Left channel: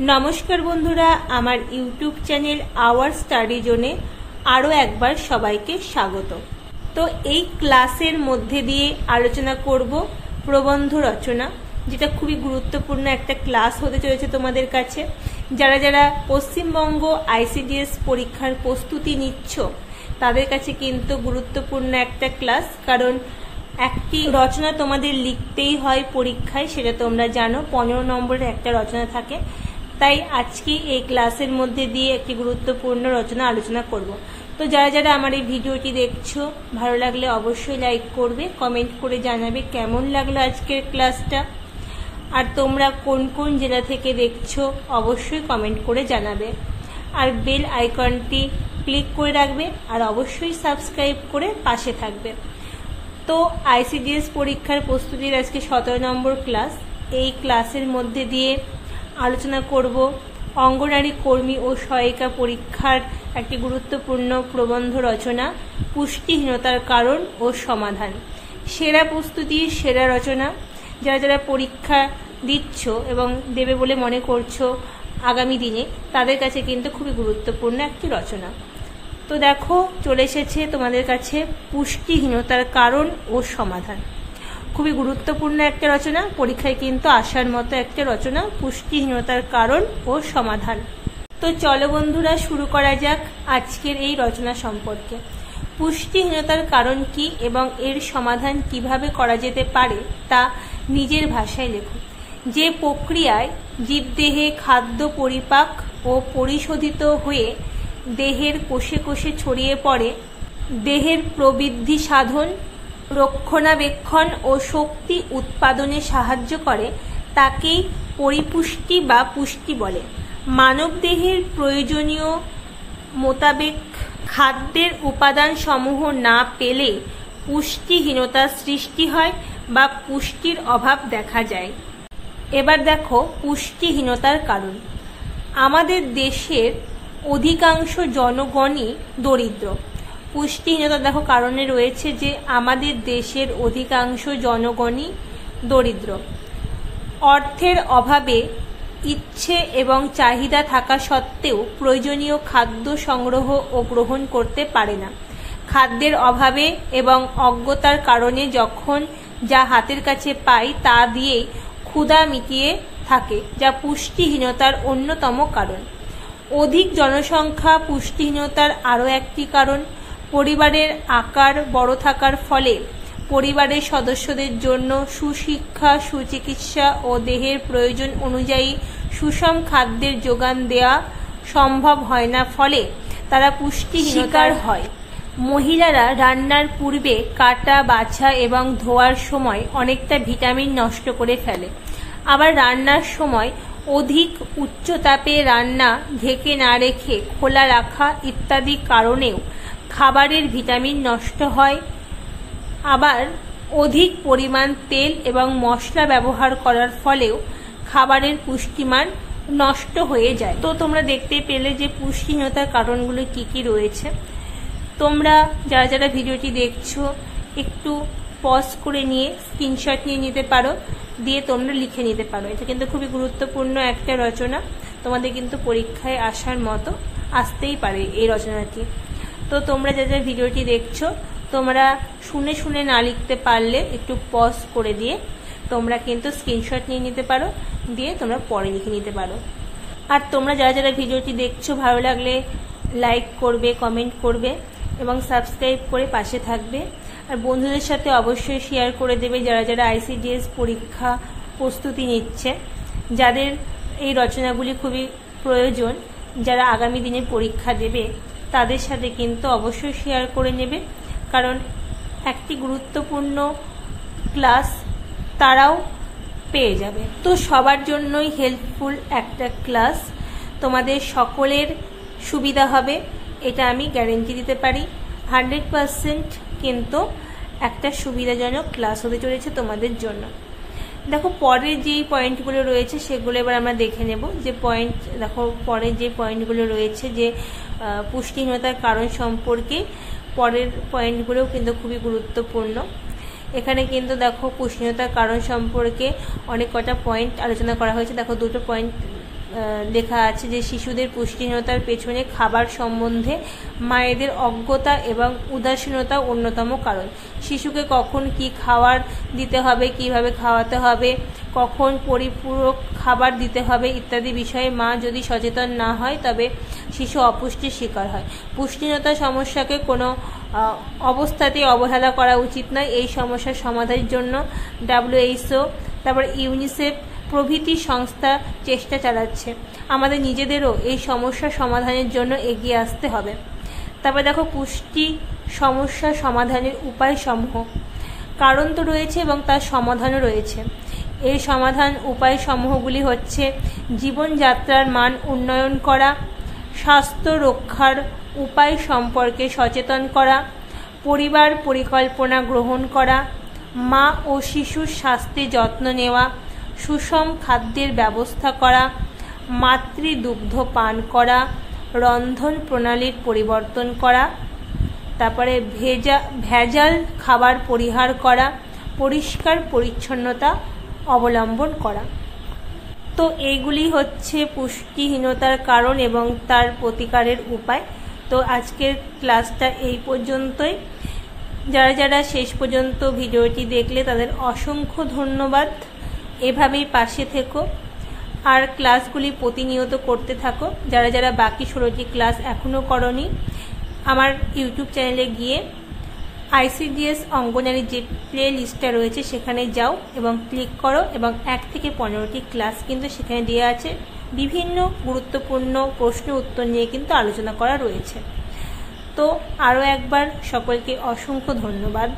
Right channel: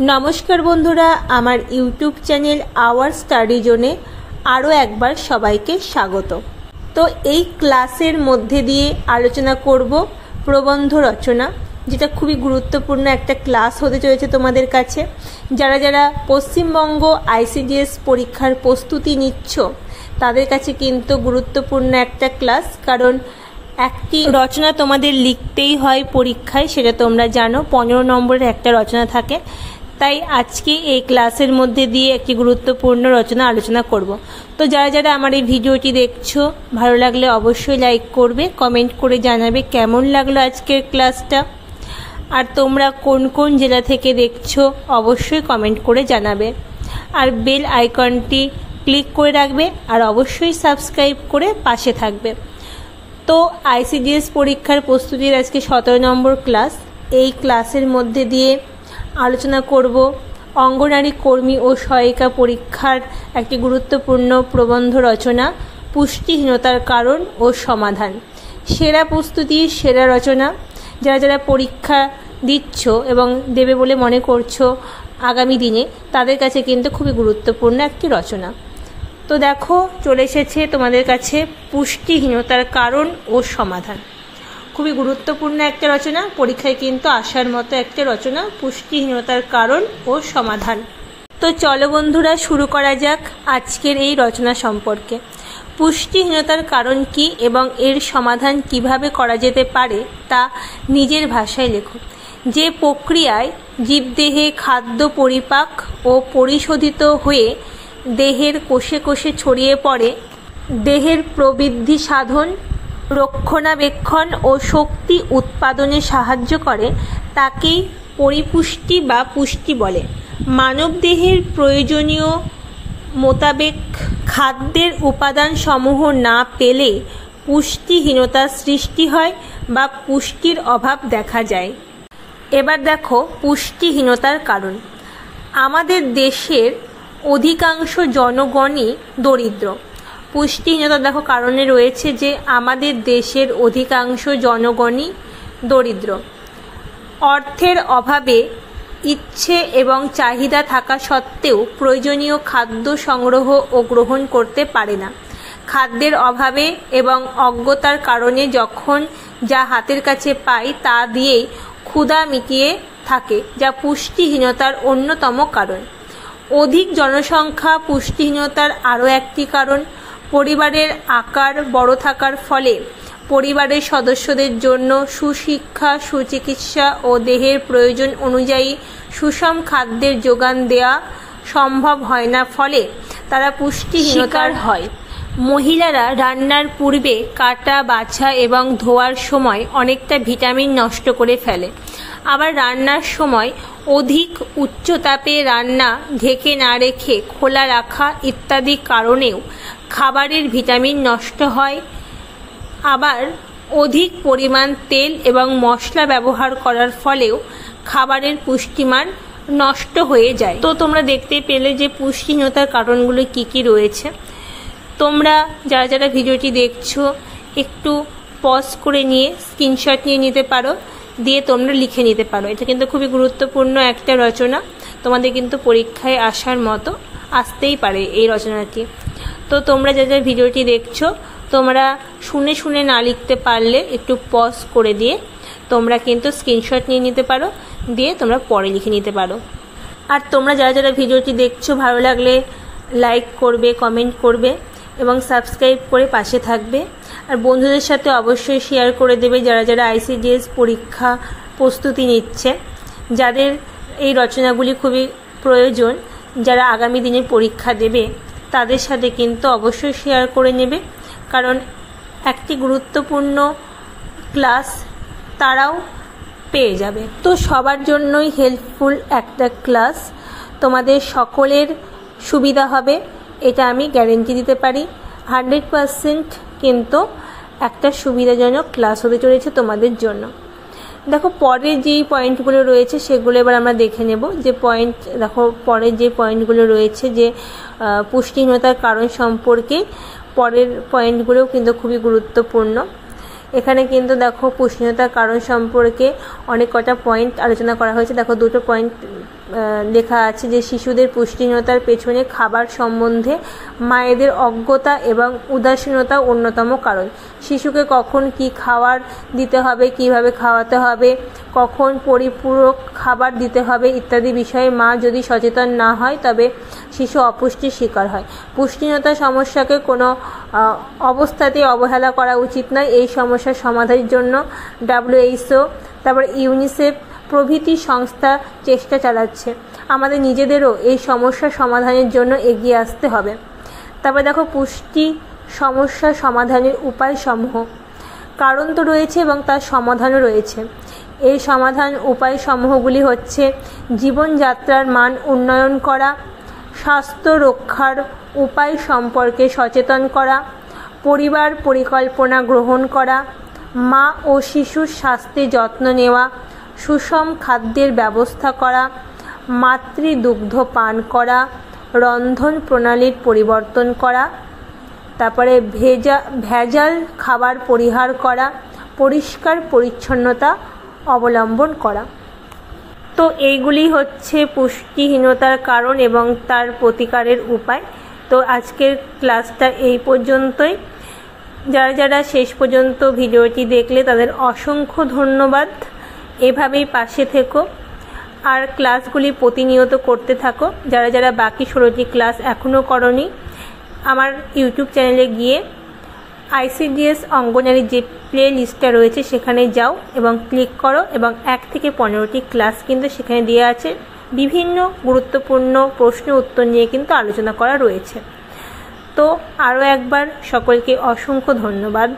नमस्कार बंधुरा आमार यूट्यूब चैनल आवर स्टाडी जोने आरो एकबार सबाइके स्वागत। तो এই ক্লাসের মধ্যে দিয়ে আলোচনা করব প্রবন্ধ রচনা, যেটা খুবই গুরুত্বপূর্ণ একটা ক্লাস হতে চলেছে তোমাদের কাছে। যারা যারা পশ্চিমবঙ্গ আইসিডিএস পরীক্ষার প্রস্তুতি নিচ্ছ তাদের কাছে কিন্তু গুরুত্বপূর্ণ একটা ক্লাস, কারণ একটি রচনা তোমাদের লিখতেই হয় পরীক্ষায়, সেটা তোমরা জানো। 15 নম্বরের একটা রচনা থাকে, তাই আজকে এই ক্লাসের মধ্যে দিয়ে একটি গুরুত্বপূর্ণ রচনা আলোচনা করব। তো যারা যারা আমার এই ভিডিওটি দেখছো, ভালো লাগলে অবশ্যই লাইক করবে, কমেন্ট করে জানাবে কেমন লাগলো আজকের ক্লাসটা। আর তোমরা কোন কোন জেলা থেকে দেখছো অবশ্যই কমেন্ট করে জানাবে। আর বেল আইকনটি ক্লিক করে রাখবে, আর অবশ্যই সাবস্ক্রাইব করে পাশে থাকবে। তো আইসিডিএস পরীক্ষার প্রস্তুতির আজকে 17 নম্বর ক্লাস। এই ক্লাসের মধ্যে দিয়ে আলোচনা করব অঙ্গনারী কর্মী ও সহায়িকা পরীক্ষার একটি গুরুত্বপূর্ণ প্রবন্ধ রচনা, পুষ্টিহীনতার কারণ ও সমাধান। সেরা প্রস্তুতি, সেরা রচনা। যারা যারা পরীক্ষা দিচ্ছ এবং দেবে বলে মনে করছো আগামী দিনে, তাদের কাছে কিন্তু খুবই গুরুত্বপূর্ণ একটি রচনা। তো দেখো, চলে এসেছে তোমাদের কাছে পুষ্টিহীনতার কারণ ও সমাধান। খুবই গুরুত্বপূর্ণ একটা রচনা, পরীক্ষায় কিন্তু আসার মতো একটা রচনা, পুষ্টিহীনতার কারণ ও সমাধান। তো চলো বন্ধুরা, শুরু করা যাক আজকের এই রচনা সম্পর্কে। পুষ্টিহীনতার কারণ কি এবং এর সমাধান কিভাবে করা যেতে পারে তা নিজের ভাষায় লেখো। যে প্রক্রিয়ায় জীবদেহে খাদ্য পরিপাক ও পরিশোধিত হয়ে দেহের কোষে কোষে ছড়িয়ে পড়ে, দেহের প্রবৃদ্ধি সাধন, রক্ষণাবেক্ষণ ও শক্তি উৎপাদনে সাহায্য করে, তাকেই পরিপুষ্টি বা পুষ্টি বলে। মানবদেহের প্রয়োজনীয় মোতাবেক খাদ্যের উপাদান সমূহ না পেলে পুষ্টিহীনতার সৃষ্টি হয় বা পুষ্টির অভাব দেখা যায়। এবার দেখো পুষ্টিহীনতার কারণ। আমাদের দেশের অধিকাংশ জনগণই দরিদ্র। পুষ্টিহীনতা দেখো কারণে রয়েছে যে আমাদের দেশের অধিকাংশ জনগণই দরিদ্র। অর্থের অভাবে ইচ্ছে এবং চাহিদা থাকা সত্ত্বেও প্রয়োজনীয় খাদ্য সংগ্রহ ও গ্রহণ করতে পারে না। খাদ্যের অভাবে এবং অজ্ঞতার কারণে যখন যা হাতের কাছে পায় তা দিয়েই ক্ষুধা মিটিয়ে থাকে, যা পুষ্টিহীনতার অন্যতম কারণ। অধিক জনসংখ্যা পুষ্টিহীনতার আরও একটি কারণ। পরিবারের আকার বড় থাকার ফলে পরিবারের সদস্যদের জন্য সুশিক্ষা, সুচিকিৎসা ও দেহের প্রয়োজন অনুযায়ী সুষম খাদ্যের যোগান দেওয়া সম্ভব হয় না, ফলে তারা পুষ্টিহীনতার হয়। মহিলারা রান্নার পূর্বে কাটা, বাছা এবং ধোয়ার সময় অনেকটা ভিটামিন নষ্ট করে ফেলে। আবার রান্নার সময় অধিক উচ্চতাপে রান্না, ঢেকে না রেখে খোলা রাখা ইত্যাদি কারণেও খাবারের ভিটামিন নষ্ট হয়। আবার অধিক পরিমাণ তেল এবং মশলা ব্যবহার করার ফলেও খাবারের পুষ্টিমান নষ্ট হয়ে যায়। তো তোমরা দেখতে পেলে যে পুষ্টিহীনতার কারণগুলো কি কি রয়েছে। তোমরা যারা যারা ভিডিওটি দেখছো একটু পজ করে নিয়ে স্ক্রিনশট নিয়ে নিতে পারো, দিয়ে তোমরা লিখে নিতে পারো। এটা কিন্তু খুবই গুরুত্বপূর্ণ একটা রচনা, তোমাদের কিন্তু পরীক্ষায় আসার মতো আসতেই পারে এই রচনাটি। তো তোমরা যারা যারা ভিডিওটি দেখছো, তোমরা শুনে শুনে না লিখতে পারলে একটু পজ করে দিয়ে তোমরা কিন্তু স্ক্রিনশট নিয়ে নিতে পারো, দিয়ে তোমরা পরে লিখে নিতে পারো। আর তোমরা যারা যারা ভিডিওটি দেখছো, ভালো লাগলে লাইক করবে, কমেন্ট করবে এবং সাবস্ক্রাইব করে পাশে থাকবে। আর বন্ধুদের সাথে অবশ্যই শেয়ার করে দেবে যারা যারা আইসিডিএস পরীক্ষা প্রস্তুতি নিচ্ছে, যাদের এই রচনাগুলি খুবই প্রয়োজন, যারা আগামী দিনে পরীক্ষা দেবে তাদের সাথে কিন্তু অবশ্যই শেয়ার করে নেবে, কারণ একটি গুরুত্বপূর্ণ ক্লাস তারাও পেয়ে যাবে। তো সবার জন্যই হেল্পফুল একটা ক্লাস, তোমাদের সকলের সুবিধা হবে, এটা আমি গ্যারেন্টি দিতে পারি। 100% কিন্তু একটা সুবিধাজনক ক্লাস হতে চলেছে তোমাদের জন্য। দেখো পরে যেই পয়েন্টগুলো রয়েছে সেগুলো এবার আমরা দেখে নেব। যে পয়েন্ট দেখো, পরে যে পয়েন্টগুলো রয়েছে যে পুষ্টিহীনতার কারণ সম্পর্কে, পরের পয়েন্টগুলোও কিন্তু খুবই গুরুত্বপূর্ণ। এখানে কিন্তু দেখো পুষ্টিহীনতার কারণ সম্পর্কে অনেক কটা পয়েন্ট আলোচনা করা হয়েছে। দেখো দুটো পয়েন্ট লেখা আছে যে শিশুদের পুষ্টিহীনতার পেছনে খাবার সম্বন্ধে মায়েদের অজ্ঞতা এবং উদাসীনতা অন্যতম কারণ। শিশুকে কখন কি খাবার দিতে হবে, কিভাবে খাওয়াতে হবে, কখন পরিপূরক খাবার দিতে হবে ইত্যাদি বিষয়ে মা যদি সচেতন না হয় তবে শিশু অপুষ্টির শিকার হয়। পুষ্টিহীনতার সমস্যাকে কোনো অবস্থাতেই অবহেলা করা উচিত নয়। এই সমস্যার সমাধানের জন্য WHO, তারপর ইউনিসেফ প্রভৃতি সংস্থা চেষ্টা চালাচ্ছে। আমাদের নিজেদেরও এই সমস্যা সমাধানের জন্য এগিয়ে আসতে হবে। তারপর দেখো পুষ্টি সমস্যা সমাধানের উপায়সমূহ। কারণ তো রয়েছে এবং তার সমাধানও রয়েছে। এই সমাধান উপায়সমূহগুলি হচ্ছে জীবনযাত্রার মান উন্নয়ন করা, স্বাস্থ্য রক্ষার উপায় সম্পর্কে সচেতন করা, পরিবার পরিকল্পনা গ্রহণ করা, মা ও শিশুর স্বাস্থ্যে যত্ন নেওয়া, সুষম খাদ্যের ব্যবস্থা করা, মাতৃদুগ্ধ পান করা, রন্ধন প্রণালীর পরিবর্তন করা, তারপরে ভেজাল খাবার পরিহার করা, পরিষ্কার পরিচ্ছন্নতা অবলম্বন করা। তো এইগুলি হচ্ছে পুষ্টিহীনতার কারণ এবং তার প্রতিকারের উপায়। তো আজকের ক্লাসটা এই পর্যন্তই। যারা যারা শেষ পর্যন্ত ভিডিওটি দেখলে তাদের অসংখ্য ধন্যবাদ। এভাবেই পাশে থেকো আর ক্লাসগুলি প্রতিনিয়ত করতে থাকো। যারা যারা বাকি 16টি ক্লাস এখনও করনি, আমার ইউটিউব চ্যানেলে গিয়ে ICDS অঙ্গনারী যে প্লে লিস্টটা রয়েছে সেখানে যাও এবং ক্লিক করো এবং 1 থেকে 15টি ক্লাস কিন্তু সেখানে দেওয়া আছে। বিভিন্ন গুরুত্বপূর্ণ প্রশ্ন উত্তর নিয়ে কিন্তু আলোচনা করা রয়েছে। তো আরও একবার সকলকে অসংখ্য ধন্যবাদ।